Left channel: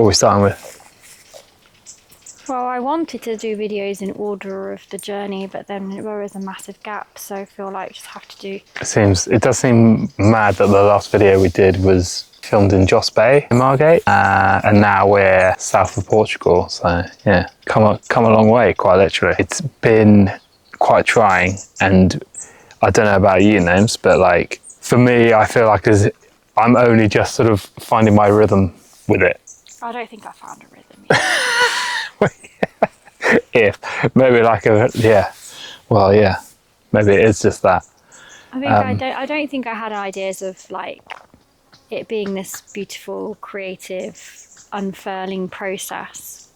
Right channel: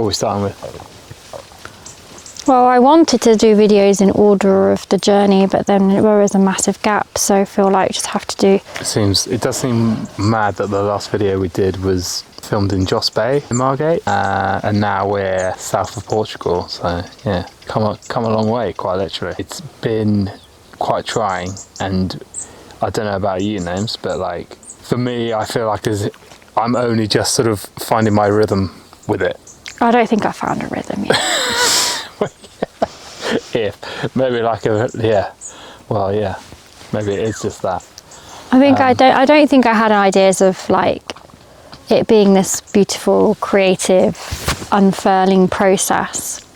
What are we starting with? Well, I wanted to do videos in order of the journey, but then there was a massive gap, so I feel like I just have to do... It does seem mad that the last video we did was filmed in Joss Bay in Margate, and now we're south of Portugal, so yeah, come a long way, quite literally. It's been quite trying, and I don't know about you, Names, but like, for me, I feel like I'm only just sort of finding my rhythm with it. I don't think I found a rhythm yet. Maybe like maybe it is just that. I think I don't think I had ideas of like it being this beautiful, creative, unfurling process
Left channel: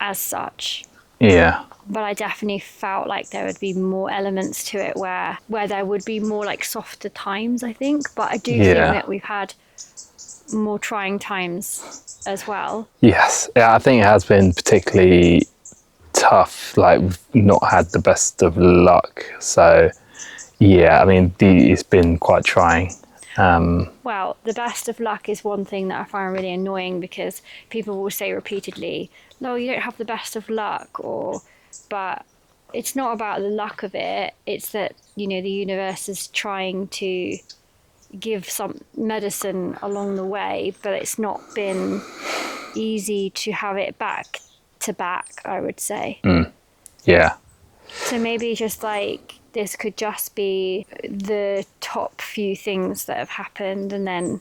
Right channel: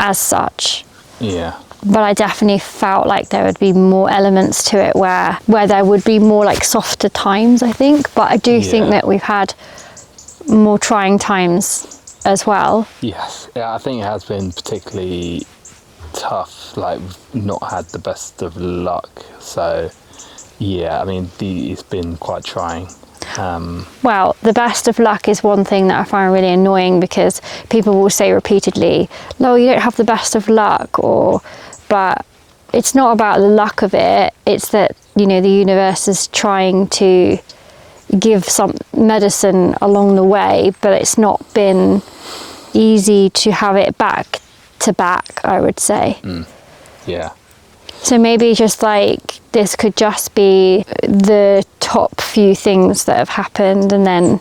as such. Yeah. But I definitely felt like there would be more elements to it where there would be more like softer times, I think. But I do think that we've had more trying times as well. Yes. Yeah, I think it has been particularly tough. Like, we've not had the best of luck. So, yeah, I mean, it's been quite trying. Well, the best of luck is one thing that I find really annoying, because people will say repeatedly, "No, you don't have the best of luck," but it's not about the luck of it. It's that, you know, the universe is trying to give some medicine along the way, but it's not been easy to have it back to back, I would say. Yeah. So maybe just like this could just be the top few things that have happened, and then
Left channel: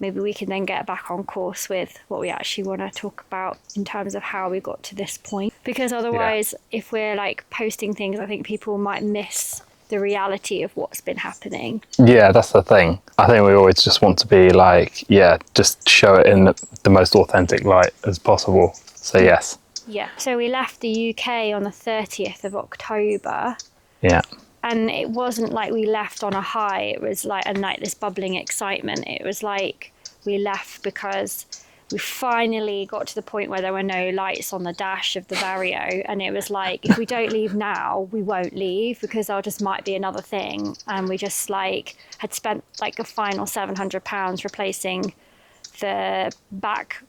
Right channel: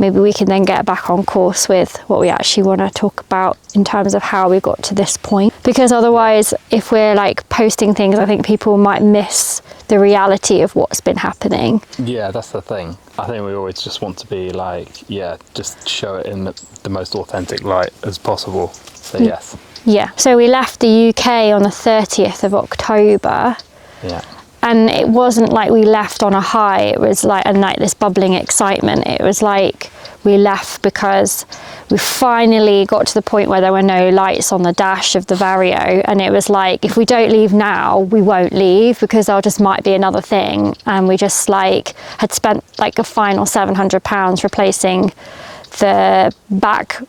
maybe we can then get back on course with what we actually want to talk about in terms of how we got to this point. Because otherwise, if we're like posting things, I think people might miss the reality of what's been happening. Yeah, that's the thing. I think we always just want to be like, just show it in the most authentic light as possible. So yes. Yeah, so we left the UK on the 30th of October. Yeah. And it wasn't like we left on a high. It was like this bubbling excitement. It was like we left because we finally got to the point where there were no lights on the dash of the Vario. And it was like, if we don't leave now, we won't leave, because there just might be another thing. And we just like had spent like a final £700 replacing the back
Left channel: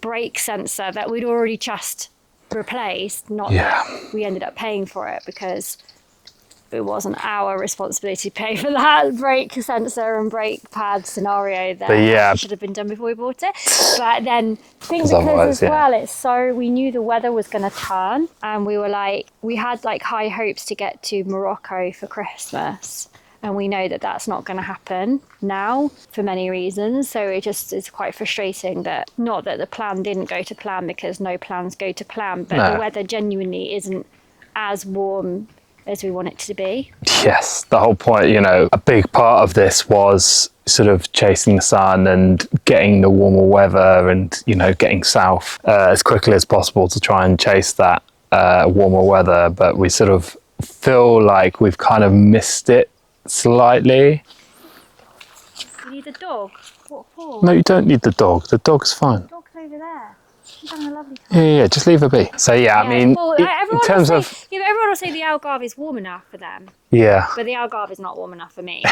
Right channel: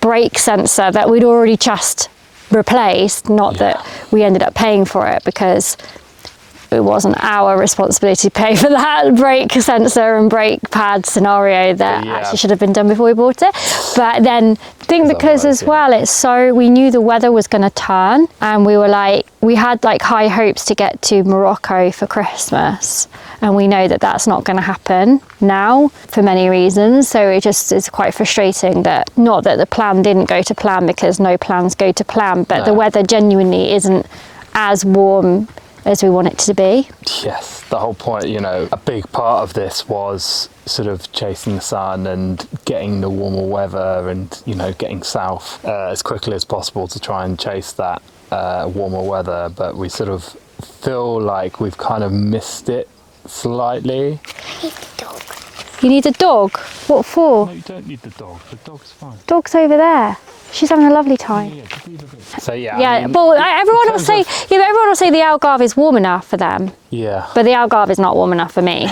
brake sensor that we'd already just replaced. Not that we ended up paying for it, because it wasn't our responsibility to pay for that brake sensor and brake pad scenario that actually should have been done before we bought it. But then I think because as well, it's so, we knew the weather was going to turn, and we were like, we had like high hopes to get to Morocco for Christmas. And we know that that's not going to happen now for many reasons. So it just is quite frustrating that, not that the plan didn't go to plan, because no plans go to plan, but the weather genuinely isn't as warm as we want it to be. Yes, the whole point, you know, a big part of this was sort of chasing the sun and getting the warmer weather and, you know, getting south as quickly as possible to try and chase that warmer weather. But we sort of feel like we've kind of missed it slightly. You need a dog? What for? No, you don't need the dog. The dog's fine. Dog's over there. She's having a lovely time. Yeah, just leave her be. So I mean, well, everyone will say the Algarve is warm enough for them. Yeah. But the Algarve is not warm enough for me.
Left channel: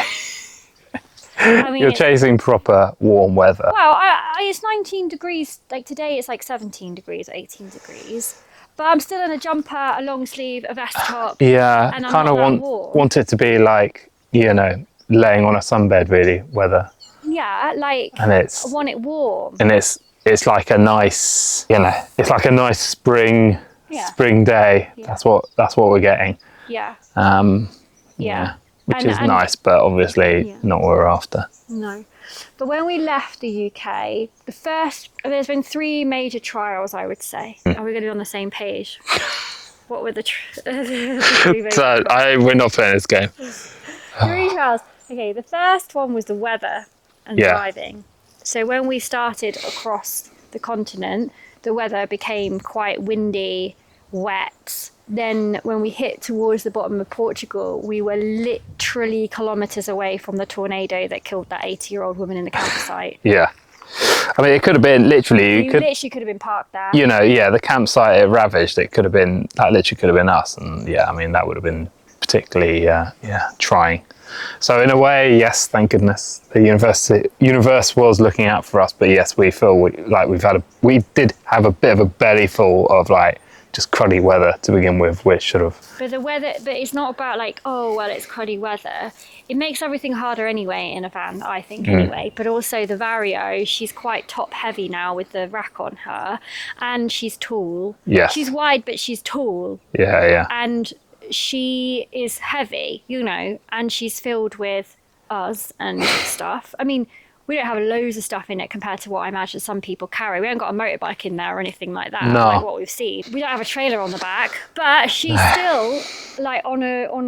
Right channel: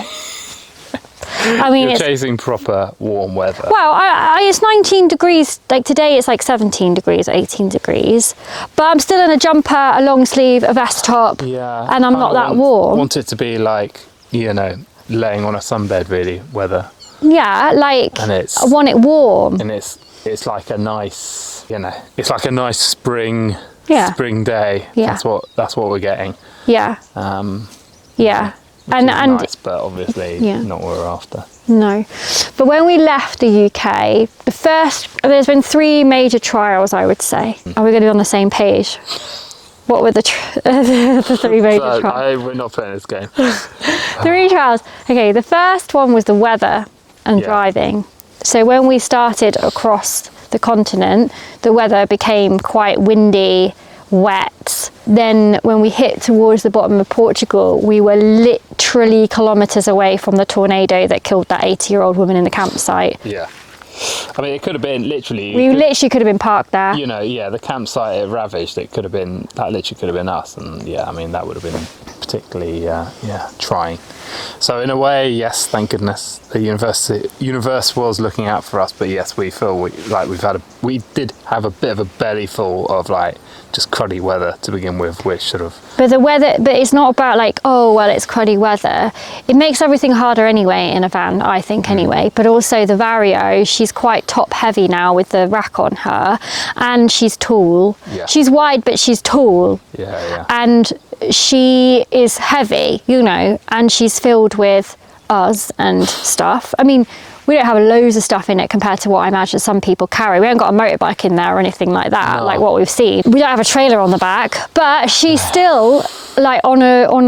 I mean, you're chasing proper warm weather. Well, it's 19 degrees. Like today, it's like 17 degrees, 18 degrees. But I'm still in a jumper, a long sleeve, a vest top. Yeah. And I'm not that warm. Want it to be like, you know, laying on a sunbed, really, weather. Yeah, like, and I want it warm. And it's like a nice, you know, it's like a nice spring day. Yeah. That's what we're getting. Yeah. Yeah. Which is nice, but obviously not what we're after. No. But when we left the UK, there's been 3 major trials, I would say. Are we going to be on the same page? What were the 3 major trials? We're not playing this game. 3 trials. Okay, the first one was the weather and driving. So when we started across the continent, the weather became quite windy, wet. Then when we hit towards the bottom of Portugal, we were literally kilometres away from the tornado that killed that 80-year-old woman in the campsite. Yeah. I mean, it could have been literally... You literally could have been parked there. You know, the campsite it ravaged, that literally could have been us. And I mean, that would have been particularly trying. So in a way, yes, thank goodness the universe was looking out for us. But yes, we feel we did have a bit of a belly full of like just cruddy weather to begin with, which sort of. But the weather, but it's not about like, oh well, it's cruddy weather. It makes everything harder anyway in a van, I think anyway. But also the Vario, she's quite top heavy now with the rack on her, and she's tall. Yeah. She's wide, but she's tall. Yeah. And she is heavy, you know, and she's filled with us and stuff. I mean, we don't have loads of stuff in it compared to what I imagine some people carry. We haven't got a motorbike in there or anything like that, like what we've seen. We don't have a trailer on the back, but she's still like on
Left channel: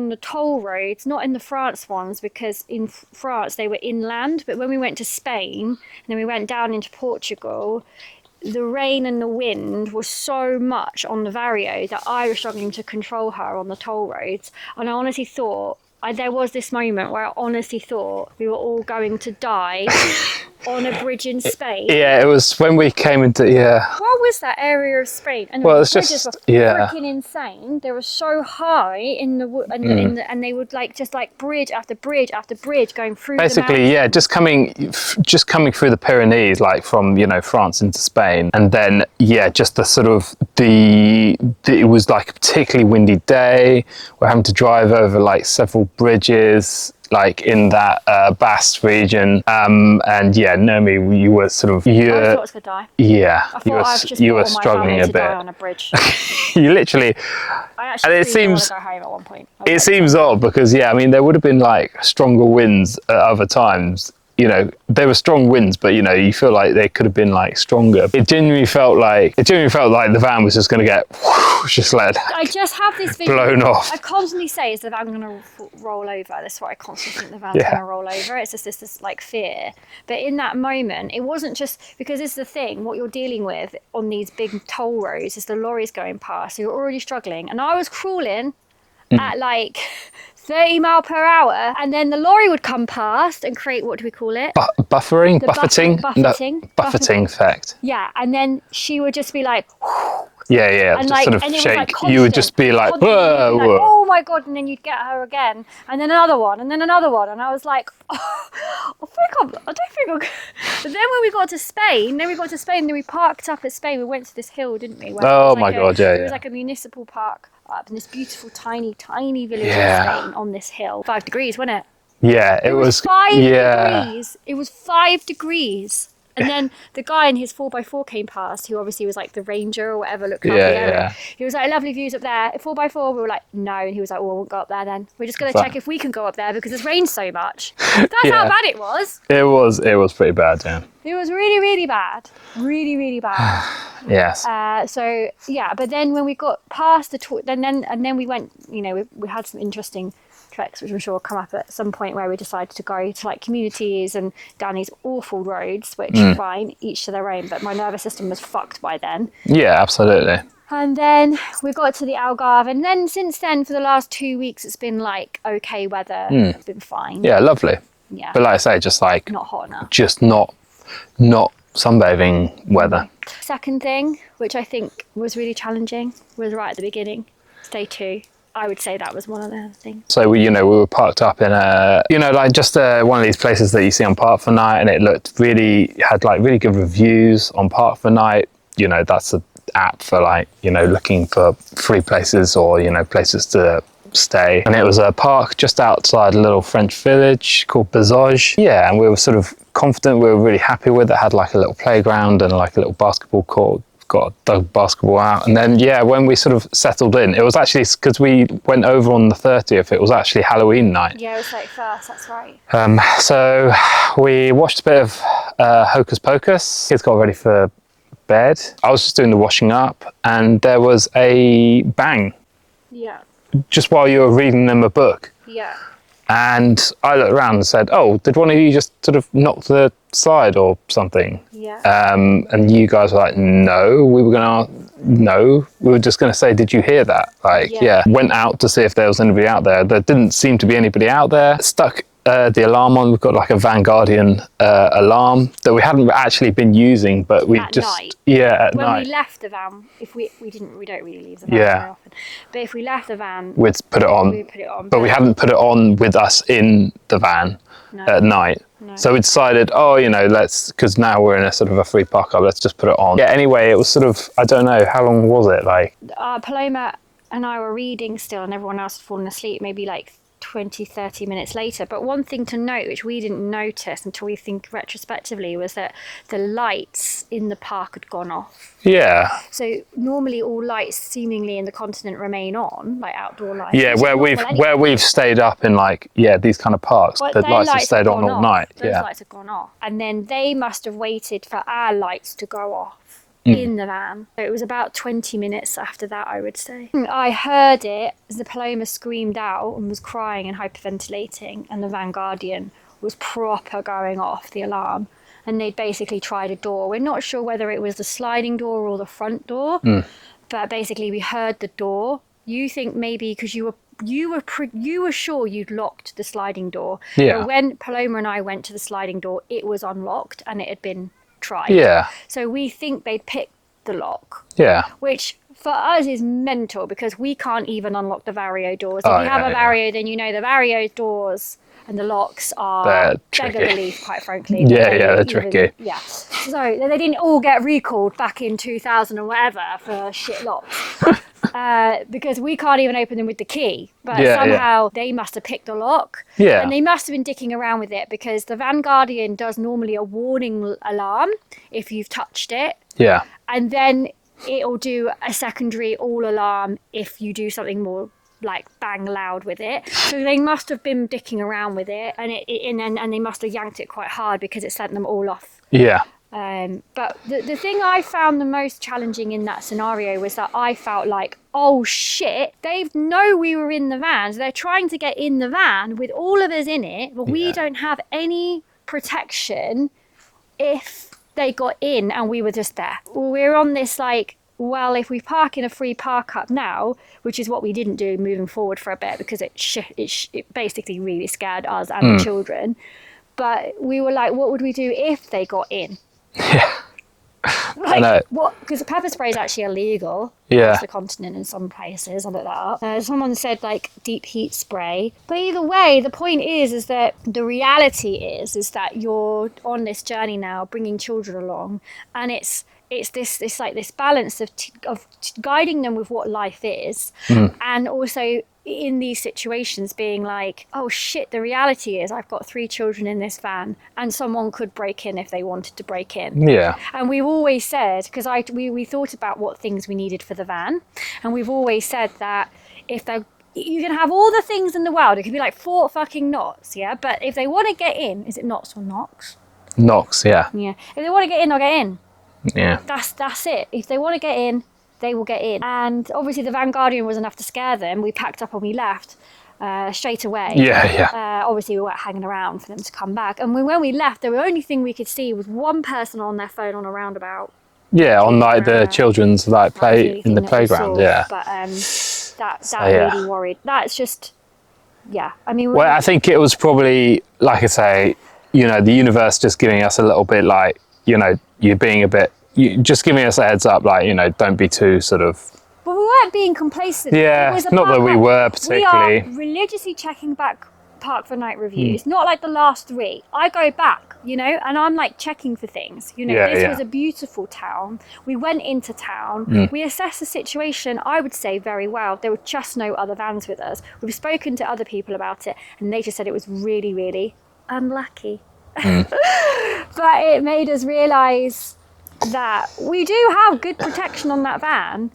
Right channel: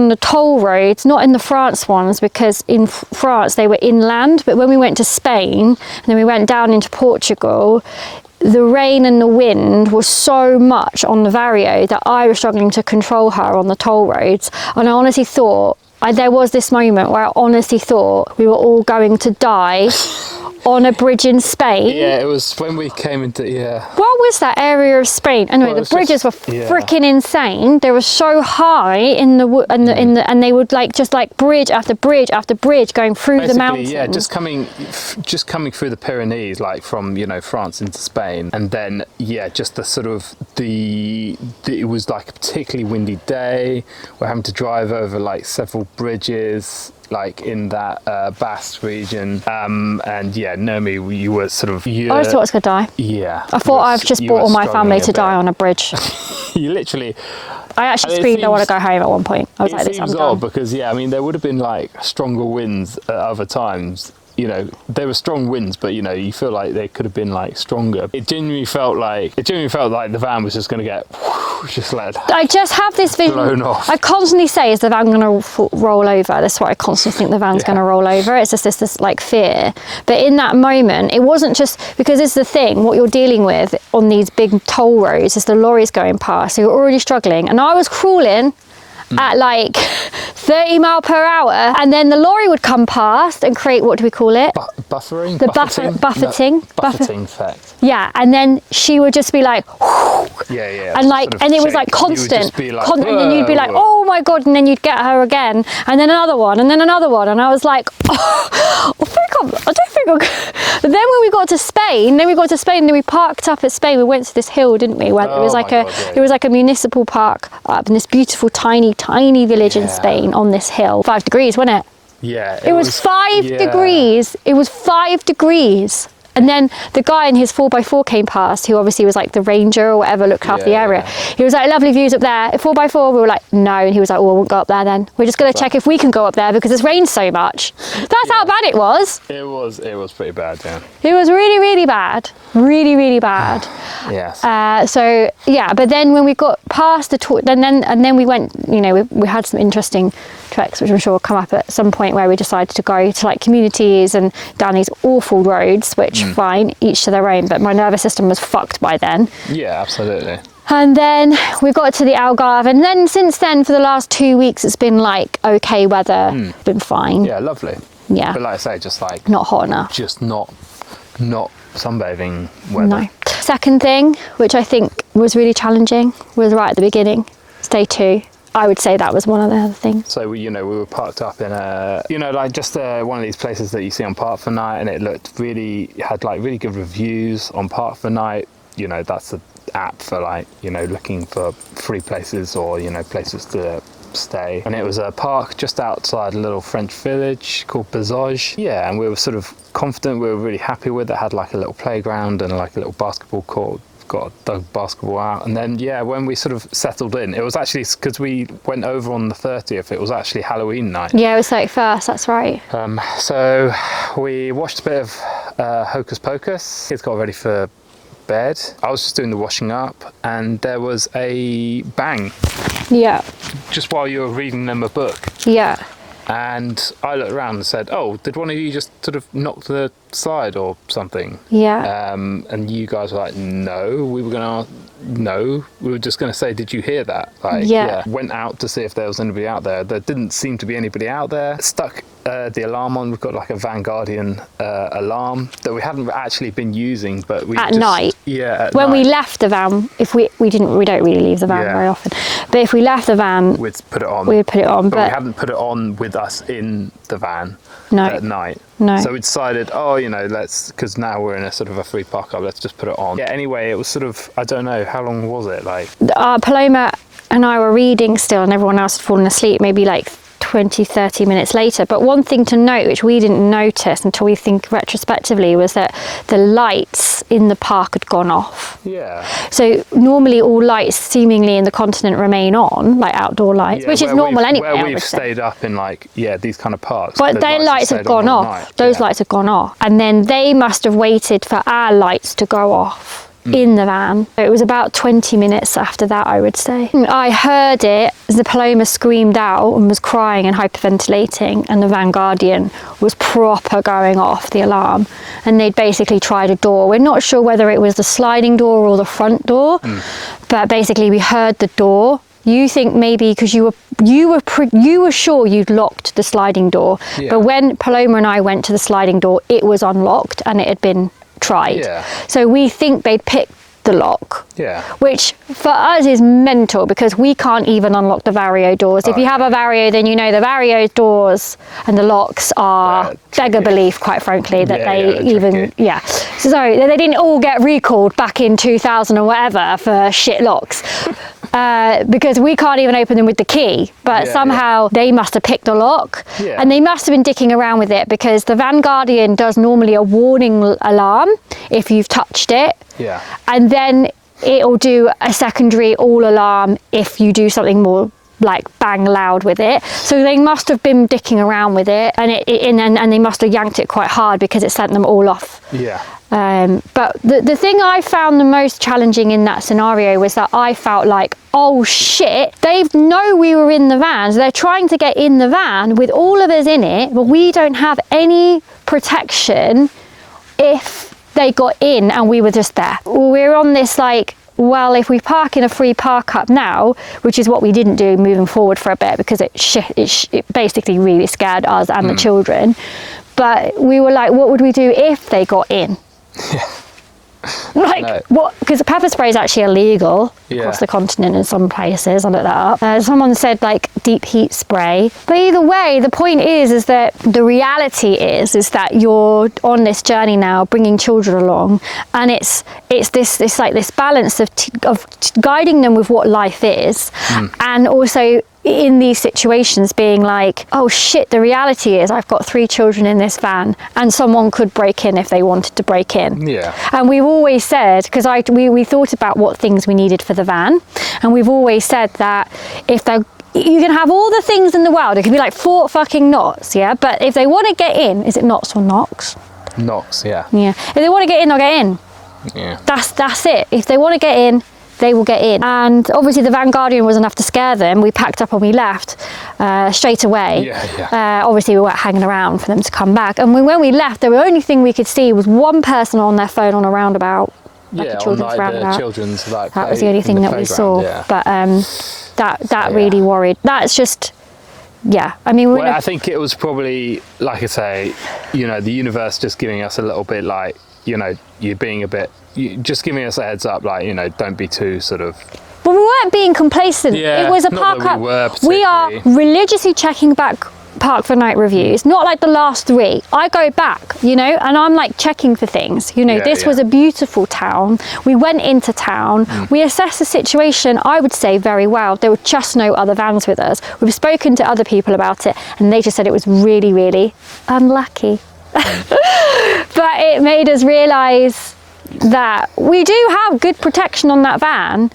the toll roads, not in the France ones, because in France they were inland, but when we went to Spain and then we went down into Portugal, the rain and the wind was so much on the Vario that I was struggling to control her on the toll roads. And I honestly thought, there was this moment where I honestly thought we were all going to die on a bridge in Spain. Yeah, it was when we came into, What was that area of Spain? Anyway, Well, the bridges were freaking insane. They were so high in the and they would like just like bridge after bridge after bridge going through the mountains. Yeah, just coming through the Pyrenees, like from France into Spain, and then just the sort of it was like a particularly windy day. We're having to drive over like several bridges, like in that Basque region, and Nomi, you were sort of. I just thought I was gonna die. Yeah. I thought I've just brought all my family to die on a bridge. You literally. I actually screamed, I want to go home at one point. It seems odd because there would have been like stronger winds at other times. There were strong winds, but you feel like they could have been like stronger. It genuinely felt like the van was just going to get just let. I just have this vision. Blown off. I constantly say, is the van going to roll over? That's what I constantly think, the van's going to roll over. It's just this like fear. But in that moment, it wasn't just because it's the thing. What you're dealing with on these big toll roads is the lorries going past. So you're already struggling, and I was crawling at like 30 mile per hour, and then the lorry would come past and create, what do we call it? Buffering? Buffeting. Buffeting effect. Yeah, and then she would just be like, yeah, and like, sort of and it was shake. like constant. You would just be like, and then you'd be like, oh my god, and then you'd get her again, and then another one, and then another one, and I was like, I don't think I'm. But then when we got to Spain, then we parked up at Spain. We went to this hill, didn't we? Where it was like it was like a municipal park up in this beautiful tiny village in Spain on this hill. 5 degrees, wasn't it? Yeah, it was 5 degrees. It was 5 degrees. And then the guy in his 4x4 came past, who obviously was like the ranger or whatever, looked after the area. He was like, lovely views up there. 4x4, we were like, no. And he was like, well, I won't go up there then. We're just going to check if we can go up there because it's rained so much. That's how bad it was. It was pretty bad, yeah. It was really, really bad. Really, really bad. Yes. But then when we got past the tour, then we went, we had some interesting treks, which I'm sure will come up at some point, where we decided to go to like communities and down these awful roads, which fine, each to their own, but my nervous system was fucked by then. Yeah, absolutely. And then we got to the Algarve, and then since then, for the last 2 weeks, it's been like okay weather, it's been fine. Yeah, lovely. Yeah. But like I say, just like not hot enough. Just not sunbathing weather. No. Second thing, which I think was really challenging, was right at the beginning, day 2. I would say that was one of the other things. So we were parked up in one of these places that you see on Park for Night, and it had really good reviews on Park for Night. That's an app for looking for free places or places to stay. And it was a park just outside a little French village called Bazauge. Yeah, and we were sort of confident. We were really happy with it. Had like a little playground and like a little basketball court. Got the basketball out, and then when we sort of settled in, it was actually because we went over on the 30th. It was actually Halloween night. Yeah, it was 31st. That's right. So we watched a bit of Hocus Pocus. Kids got ready for bed. I was just doing the washing up, and there was a bang. Yeah. Just while you were reading them a book. Yeah. And I looked around and said, oh, did one of you just sort of knock the side or something? Yeah. And you guys were like, no. We were just going to say, did you hear that? Went out to see if there was anybody out there. There didn't seem to be anybody out there. Stuck the alarm on. We've got like a Vanguardian alarm that we haven't actually been using, but we At just, night. Yeah, at When night. we left the van, if we don't really leave the van Yeah. very often, but if we left the van, We'd put it on. we'd put it on. But we haven't put it on with us in the van No. at night. No. So we decided, because now we're in a sort of a free park up, let's just put it on. Yeah, anyway, it was sort of, I don't know, how long was it? Like, Paloma and I were reading still, and everyone else had fallen asleep, maybe like 20, 30 minutes later. But one thing to note, which we didn't notice until we think retrospectively, was that the lights in the park had gone off. yeah. So normally all lights seemingly in the continent remain on, like outdoor lights, Yeah, which is normal anyway. where I we've would say. stayed up in these kind of parks. But the their lights have stayed on gone all off. night. Those Yeah. lights have gone off. And then they must have waited for our lights to go off in the van. It was about 20 minutes after that, I would say. I heard it as the Paloma screamed out and was crying and hyperventilating, and the Vanguardian was proper going off, the alarm. And they'd basically tried a door. We're not sure whether it was the sliding door or the front door, but basically we heard the door. You think maybe because you were sure you'd locked the sliding door, Yeah. but when Paloma and I went to the sliding door, it was unlocked and it had been tried. Yeah. So we think they'd picked the lock. Yeah. Which for us is mental because we can't even unlock the Vario doors. If you have a Vario, then you know the Vario doors and the locks are beggar belief, quite frankly, that they even tricky. So they didn't all get recalled back in 2000 or whatever for shit locks. Because we can't even open them with the key, but somehow they must have picked a lock, and they must have been dicking around with it because the Vanguardian does normally a warning alarm if you've touched it, and then it'll do a secondary all alarm if you do something more like bang loud with it. So they must have been dicking around with it, and they must have yanked it quite hard because it sent them all off. But the thing I found the most challenging in that scenario was that I felt like, oh shit, they know we were in the van, so they're trying to get in the van with all of us in it, but we don't have any protection if they got in and we were just there. We're on this like, well, if we park in a free park up now, which is what we didn't do moving forward for a bit because it basically really scared us and the children, but we were like, what would we do if they got in? Like, what? Because pepper spray is actually illegal across the continent in some places. I looked that up. Someone said like deep heat spray. But either way, the point is that the reality is that you're on this journey now, bringing children along, and it's this balance of guiding them with what life is, and also in these situations being like, oh shit, the reality is I've got 3 children in this van and someone could break in if they wanted to break in. And we've always said, because we thought about what things we needed for the van, and we've always said that if they're, you can have all the things in the world, it could be like 4 fucking knots, but if they want to get in, is it knots or knocks? Knocks, yeah. If they want to get in, they'll get in. That's it. If they want to get in, they will get in. And obviously the Vanguardian was enough to scare them. We packed up and we left straight away. Obviously we weren't hanging around for them to come back. And when we left, the only thing we could see was one person on their phone on a roundabout. On like the children's like play. That was the only thing that we saw. But that really worried. That's just, I mean. Well, I think it was probably, like I say, the universe just giving us a little bit like, you're being a bit, just giving us a heads up, like, don't be too sort of. Well, we weren't being complacent. It was a not park that we were particularly. We are religiously checking back park for night reviews, not like the last 3. I go back, and I'm like checking for things. This was a beautiful town. We went into town. We assessed the situation, I would say, very well. There were just no other vans with us. We've spoken to other people about it, and they just said it was really, really unlucky. But it made us realise that we do have good protection on that van,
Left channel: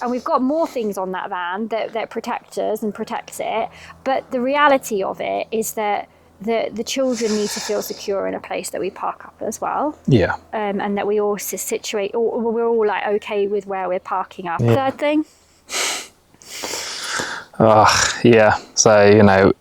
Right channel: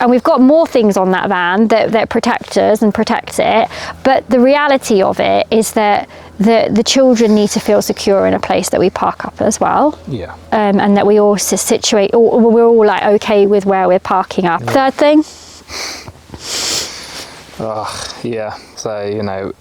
and we've got more things on that van that protect us and protect it, but the reality of it is that the children need to feel secure in a place that we park up as well, and that we all situate, we're all like okay with where we're parking up. Third thing, so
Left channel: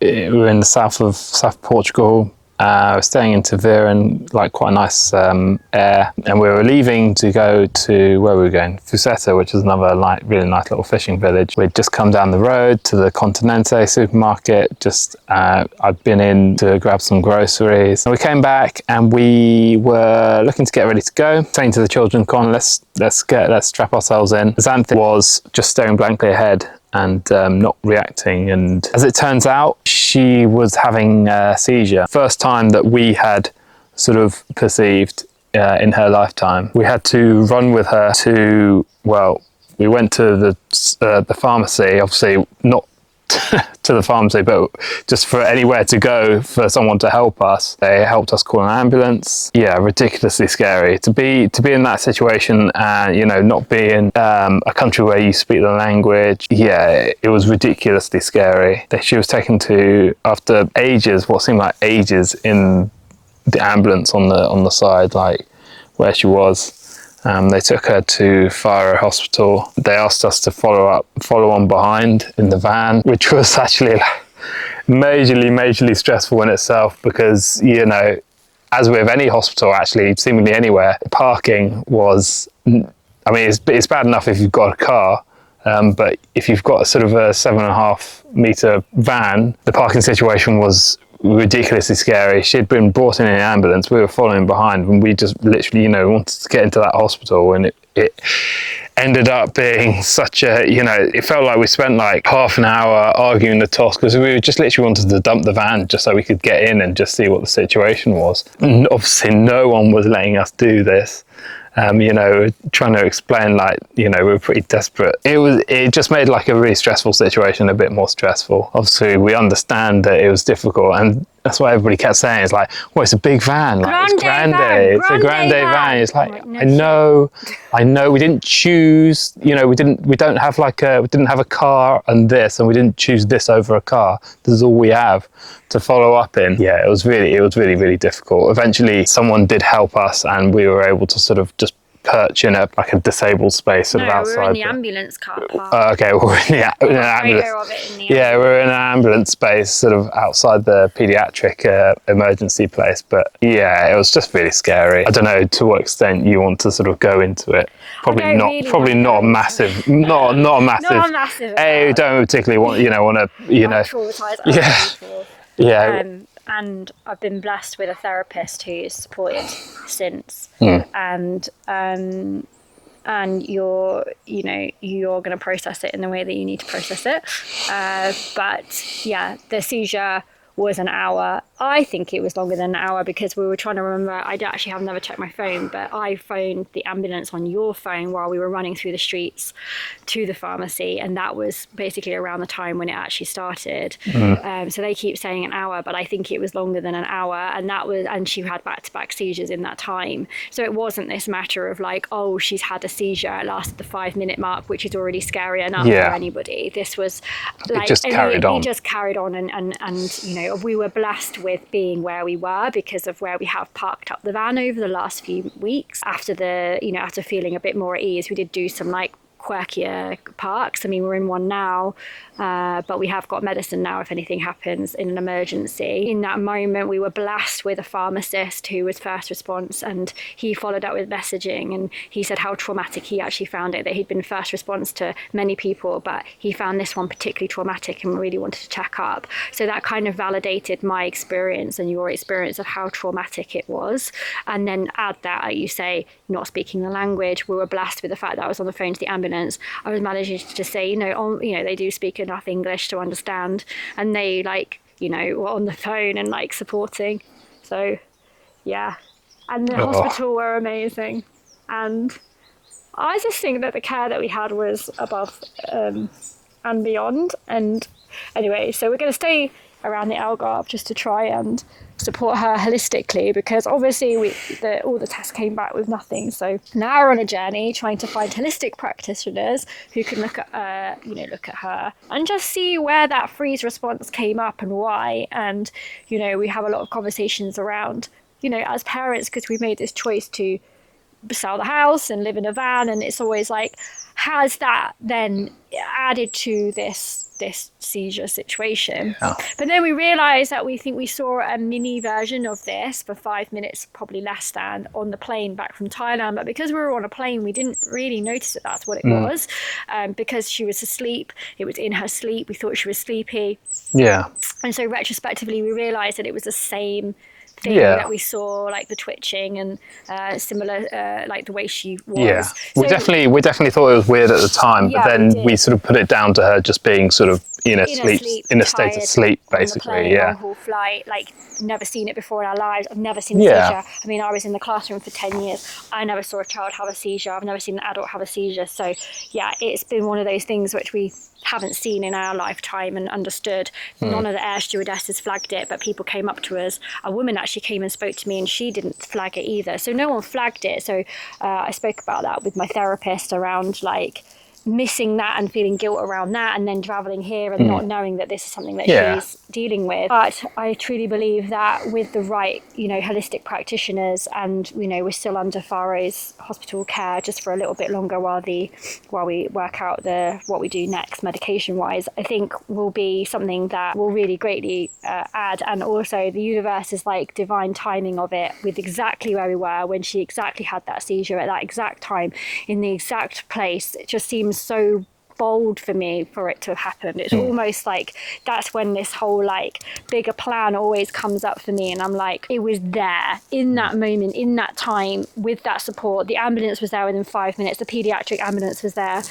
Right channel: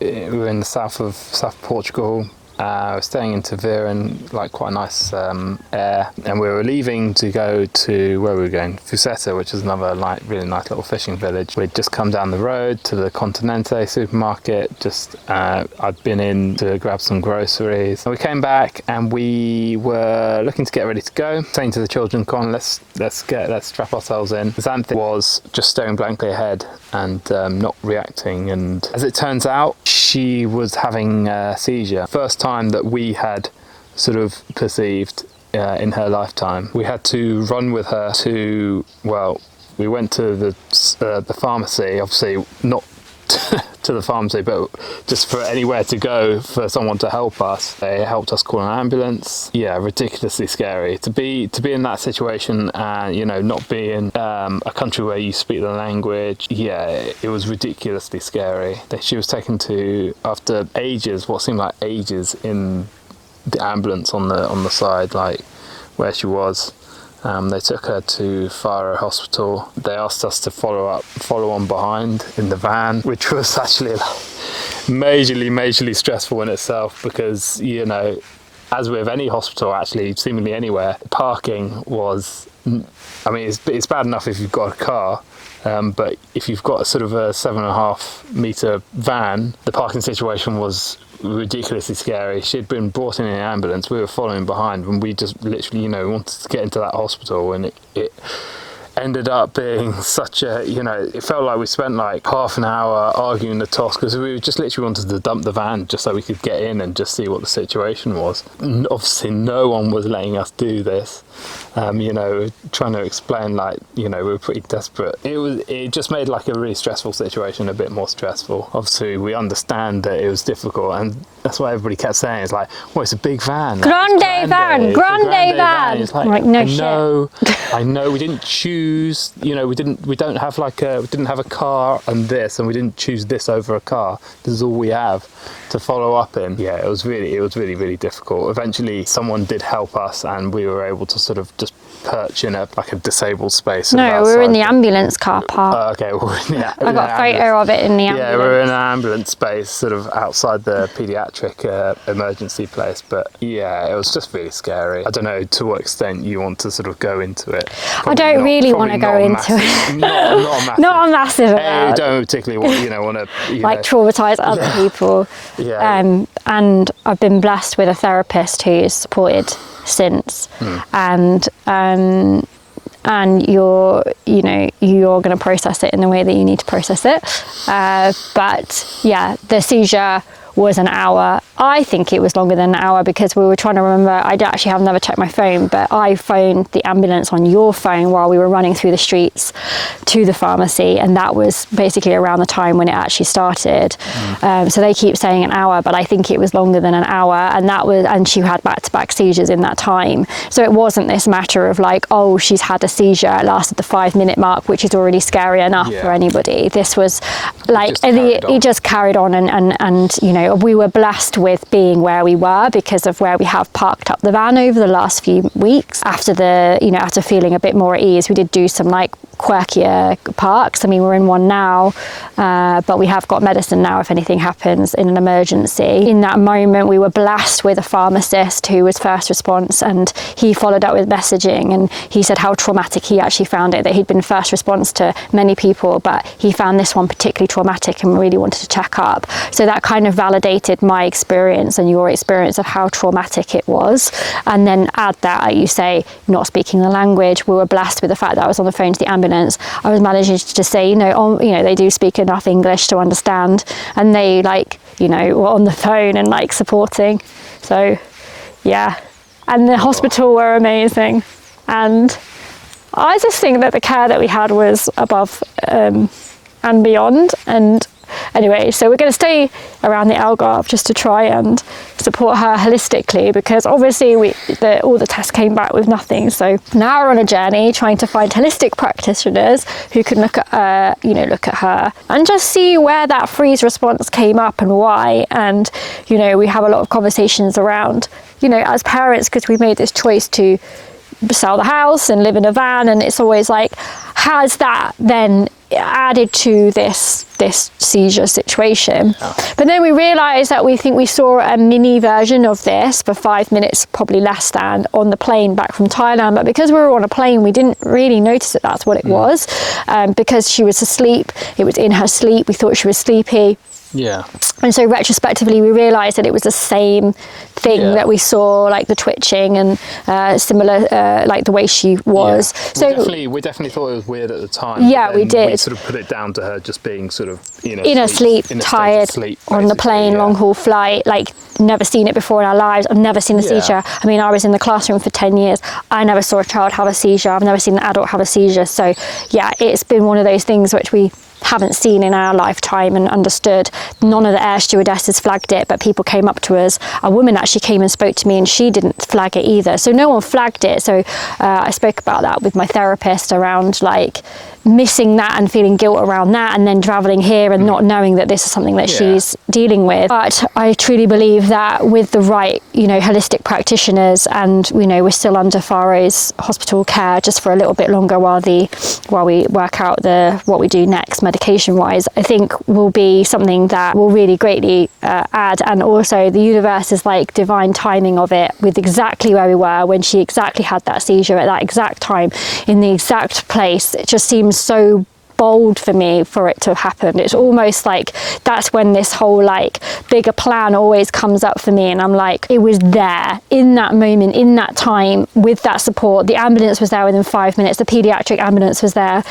we're in the south of Portugal, We're staying in Tavira in like quite a nice air, and we were leaving to go to where we were going, Fusetta, which is another like really nice little fishing village. We'd just come down the road to the Continente supermarket. Just I'd been in to grab some groceries. And we came back and we were looking to get ready to go. Saying to the children, "Come on, let's strap ourselves in." Xanthi was just staring blankly ahead and not reacting, and as it turns out, she was having a seizure. First time that we had sort of perceived in her lifetime. We had to run with her to, well, we went to the pharmacy, obviously not to the pharmacy, but just for anywhere to go for someone to help us. They helped us call an ambulance. Yeah, ridiculously scary to be in that situation, and you know, not be in a country where you speak the language. Yeah, it was ridiculously scary. She was taken to, after ages, what seemed like ages, in the ambulance on the side, like where she was. They took her to Faro Hospital. They asked us to follow on behind in the van, which was actually like majorly stressful in itself, because, you know, as with any hospital, actually, seemingly anywhere, parking was, I mean, it's bad enough if you've got a car, but if you've got a sort of a 7.5 metre van, the parking situation was ridiculously scary. She'd been brought in an ambulance, we were following behind, and we just literally, you know, wanted to get into that hospital, and it ended up being such a, you know, it felt like we spent like half an hour arguing the toss, because we just literally wanted to dump the van just so we could get in and just see what the situation was. And obviously no one was letting us do this. You know, trying to explain, like, you know, we were pretty desperate. It just made like a really stressful situation a bit more stressful. Obviously, we understand that it was difficult, and that's why everybody kept saying, it's like, well, it's a big van. Like, it's grande van. It's like, no, I know we didn't choose, you know, we didn't have a car and this, and we didn't choose this over a car. This is all we have to follow up in. Yeah, it was really difficult. Eventually someone did help us, and we were able to sort of just perch in a disabled space. No, we were in the ambulance car park. Okay, we were in I got a photo of it in the ambulance. Yeah, we were in an ambulance space, sort of outside the paediatric emergency place. But yeah, it was just really scary. I don't know to what extent you want to sort of go into it. Probably I don't really want to go into it. Not massive. Not a massive. You don't particularly want to traumatise other people. Yeah. And I've been blessed with a therapist who's supported since, and you're going to process it in the way that you need to process it, but yeah, the seizure was an hour. I think it was longer than an hour, because we were trying to remember. I actually have never checked my phone, but I phoned the ambulance on your phone while we were running through the streets to the pharmacy, and that was basically around the time when it actually started. So they keep saying an hour, but I think it was longer than an hour, and she had back-to-back seizures in that time. So it wasn't this matter of like, oh, she's had a seizure, it lasted the 5-minute mark, which is already scary enough for anybody. This was like, it just carried on, and you know, we were blessed with being where we were because of where we have parked up the van over the last few weeks. After feeling a bit more at ease, we did do some like quirkier parks. I mean, we're in one now, but we have got medicine now if anything happens in an emergency. In that moment, we were blessed with a pharmacist who was first response, and he followed up with messaging, and he said how traumatic he actually found it, that he'd been first response to many people, but he found this one particularly traumatic and really wanted to check up. So that kind of validated my experience and your experience of how traumatic it was. And then add that, like you say, not speaking the language, we were blessed with the fact that I was on the phone to the ambulance. I was managing to just say, they do speak enough English to understand, and they were on the phone and like supporting. So yeah, and the hospital were amazing, and I just think that the care that we had was above and beyond. And anyway, so we're going to stay around the Algarve just to try and support her holistically, because obviously all the tests came back with nothing. So now we're on a journey trying to find holistic practitioners who can look at her and just see where that freeze response came up and why. And we have a lot of conversations around, as parents, because we made this choice to sell the house and live in a van, and it's always like, has that then added to this seizure situation. But then we realized that we saw a mini version of this for 5 minutes, probably less than, on the plane back from Thailand. But because we were on a plane, we didn't really notice that that's what it was, because she was asleep. It was in her sleep. We thought she was sleepy. Yeah. And so retrospectively, we realised that it was the same thing that we saw, like the twitching and similar, like the way she was. Yeah. So we definitely thought it was weird at the time, yeah, but we then did. we sort of put it down to her just being sort of in a sleep, state tired, of sleep, on the plane, long haul flight, like never seen it before in our lives. I've never seen a seizure. I mean, I was in the classroom for 10 years. I never saw a child have a seizure. I've never seen an adult have a seizure. So yeah, it's been one of those things which we haven't seen in our lifetime and understood. None of the air stewardesses flagged it, but people came up to us. A woman actually came and spoke to me and she didn't flag it either. So no one flagged it. So I spoke about that with my therapist around like missing that and feeling guilt around that, and then traveling here and not knowing that this is something that she's dealing with. But I truly believe that with the right, holistic practitioners, and we're still under Faro's hospital care just for a little bit longer while we work out what we do next medication wise, I think will be something that will really greatly add. And also the universe is like divine timing of it, with exactly where we were when she exactly had that seizure at that exact time in the exact place. It just seems so bold for me for it to have happened. It's almost like that's when this whole like bigger plan always comes up for me, and I'm like, it was there in that moment, in that time, with that support. The ambulance was there within 5 minutes. The paediatric ambulance was there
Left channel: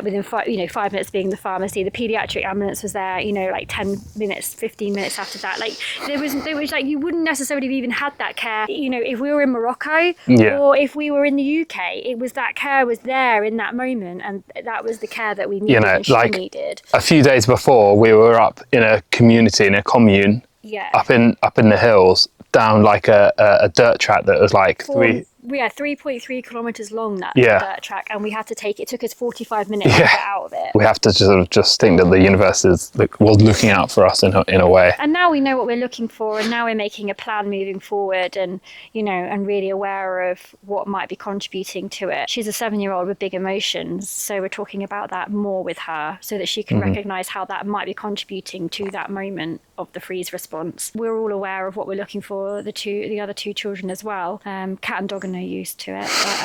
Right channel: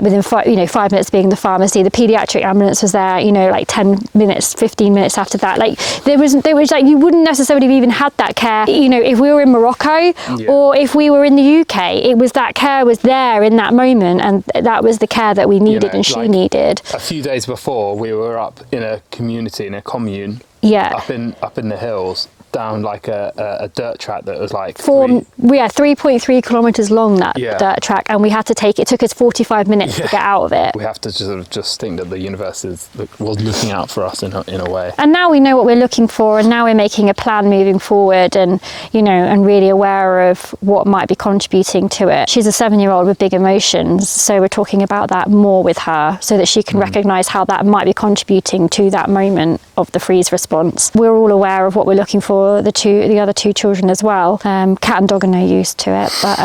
within 5 minutes being the pharmacy. The paediatric ambulance was there, like 10 minutes, 15 minutes after that. Like there was like, you wouldn't necessarily have even had that care, if we were in Morocco or if we were in the UK. It was that care was there in that moment, and that was the care that we needed and she needed. A few days before, we were up in a community, in a commune, up in the hills, down like a dirt track that was like 3.3 kilometers long, that dirt track, and we had to it took us 45 minutes to get out of it. We have to just think that the universe was looking out for us in a way. And now we know what we're looking for, and now we're making a plan moving forward, and and really aware of what might be contributing to it. She's a 7-year-old with big emotions, so we're talking about that more with her so that she can recognize how that might be contributing to that moment of the freeze response. We're all aware of what we're looking for the other two children as well. Cat and dog are no use to it, but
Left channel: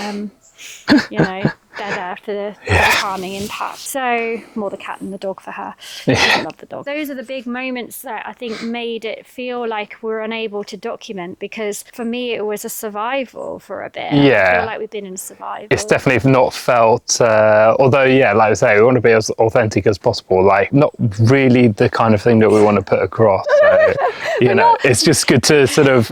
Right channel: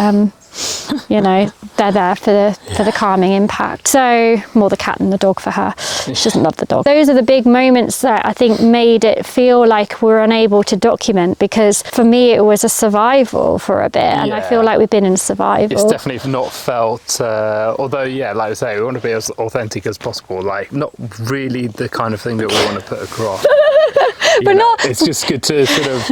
they're there for the calming impact. So more the cat than the dog for her. She doesn't love the dog. Those are the big moments that I think made it feel like we're unable to document, because for me it was a survival for a bit, and I feel like we've been in survival. It's definitely not felt, although like I say, we want to be as authentic as possible, like not really the kind of thing that we want to put across. So, it's just good to sort of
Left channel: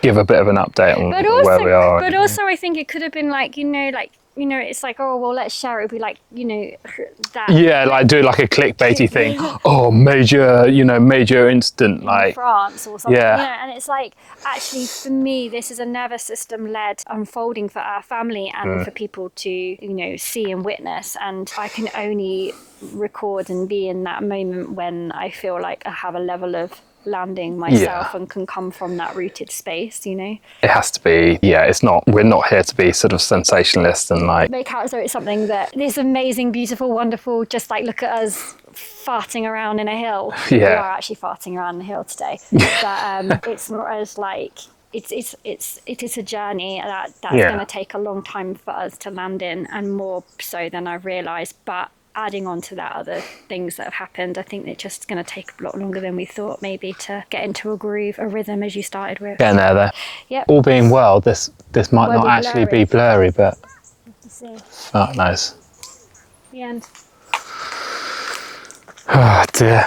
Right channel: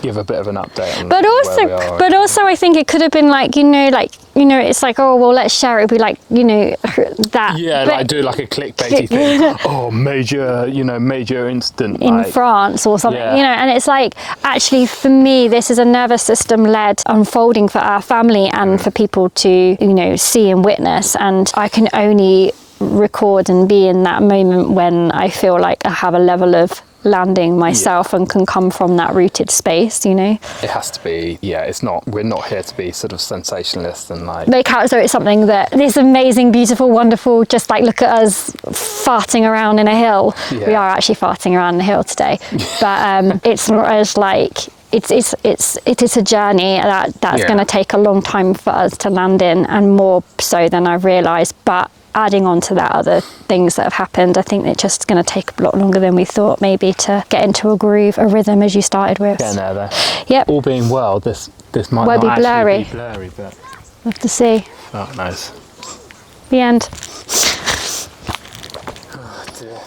give a bit of an update on where we are. But also I think it could have been like, it's like, oh, well, let's share it. It'd be like, that. Yeah, like do like a clickbaity thing. Oh, major incident. In France or something, and it's like, actually for me, this is a nervous system led unfolding for our family and for people to, see and witness. And I can only record and be in that moment when I feel like I have a level of landing myself and can come from that rooted space. It has to be. We're not here to be sort of sensationalist and like make out as though it's something that this amazing, beautiful, wonderful, just like look at us farting around in a hill. We are actually farting around in a hill today, but it's not as like it is a journey that's going to take a long time for us to land in, and more so than I've realized. But adding on to that, other things that have happened, I think it's just going to take a lot longer than we thought, maybe, to get into a groove, a rhythm, as you started with. Getting there. Yep. All being well, this might not actually be blurry, but we'll have to see. Oh, nice. The end. Oh dear.